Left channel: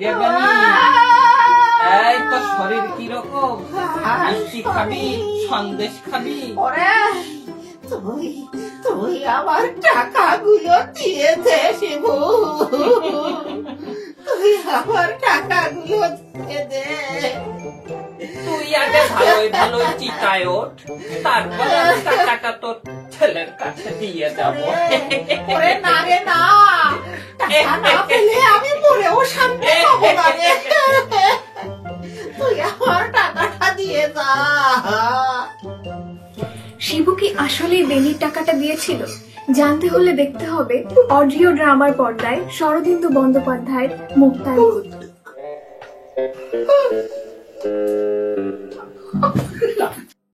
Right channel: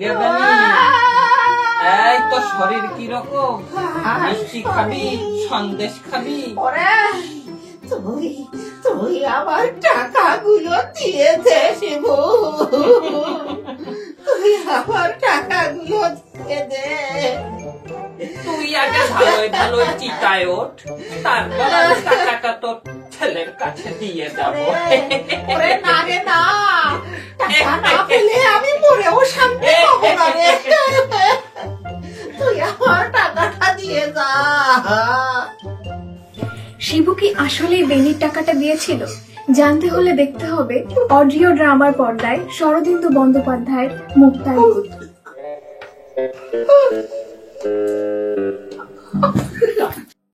কিরে বেলি, এই তো শরীর কিরকম? মিষ্টি খাবি, সন্দেশ খাবি? তুই আমার টাকাগুলো দিয়েছে শিবু, তুই আমার টাকাগুলো দিয়ে দে। তুই আগে ভালোই চিতায় ওঠ, তারপর আমি টাকাটা তোর ছেলের কাছে দিয়ে যাবো। না রে না, টাকা না পেলে আমি মরেও শান্তি পাবো না রে। তুই আমার টাকাটা দিয়ে যা। শিবু কি আসলেই বেলির টাকাটা দিয়েছিল? জানতে হলে দেখতে হবে অডিও ড্রামার পর্দায় শরদিন্দু বন্দ্যোপাধ্যায়ের মুক্তার ভূত।